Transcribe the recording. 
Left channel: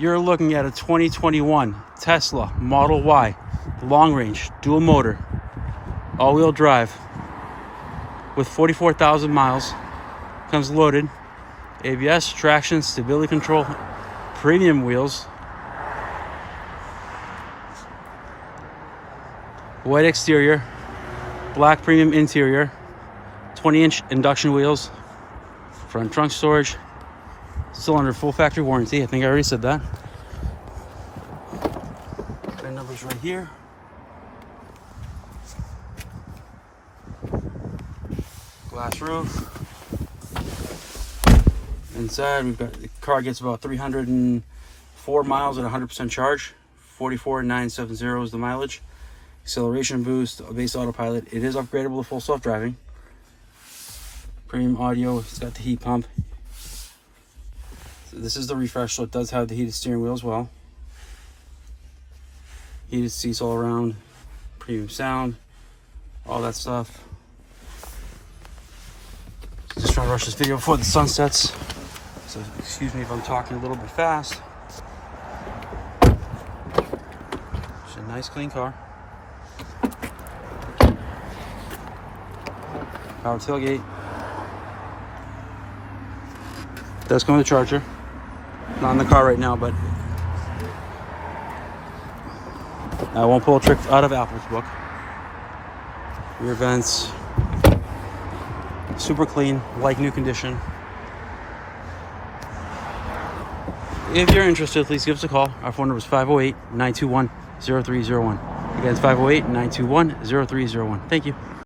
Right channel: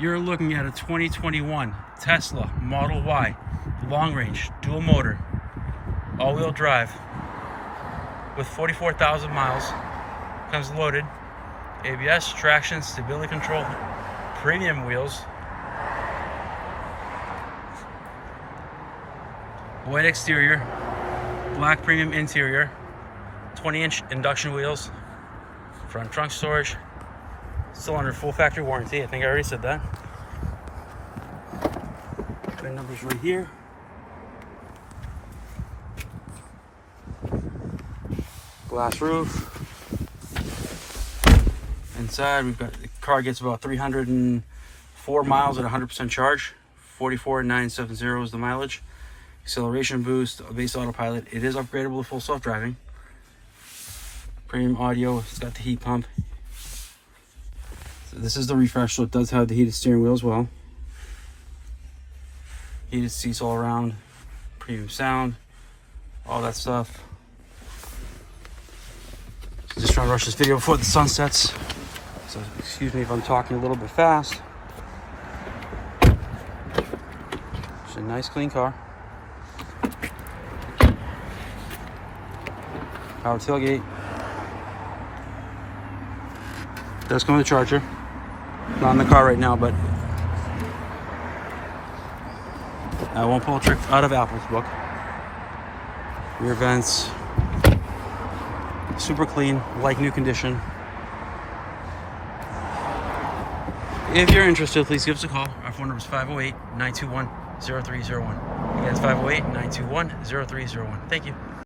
You're looking at a 2021 Tesla Model Y, long range, dual motor, all-wheel drive, with 44,000 miles. Comes loaded, ABS, traction, stability control, premium wheels, white exterior, black premium interior, 20-inch induction wheels, front trunk storage, still under full factory warranty. I think I already said that. VIN number's right here. Glass roof. Inside, we've got, the car gets about 304 miles at 100% charge. 44,970 is the mileage. Acceleration boost, base autopilot. It is upgradable to full self-driving. Premium audio. It's got the heat pump. So this is the refresh, so it does have the heated steering wheel as well. Heated seats all around. Premium sound. All that stuff. Just trying to rush this video before the sun sets. So excuse me if I'm talking a little bit fast. It's a nice clean car. Power tailgate. Does come with a charger. Not in the car right now, but I won't pull a trick out of Apple's book. Rear vents. Super clean, like new condition. If you're interested, please give us a call. Our phone number is 508-921-0301. Again, it's 508-921-0301. Thank you.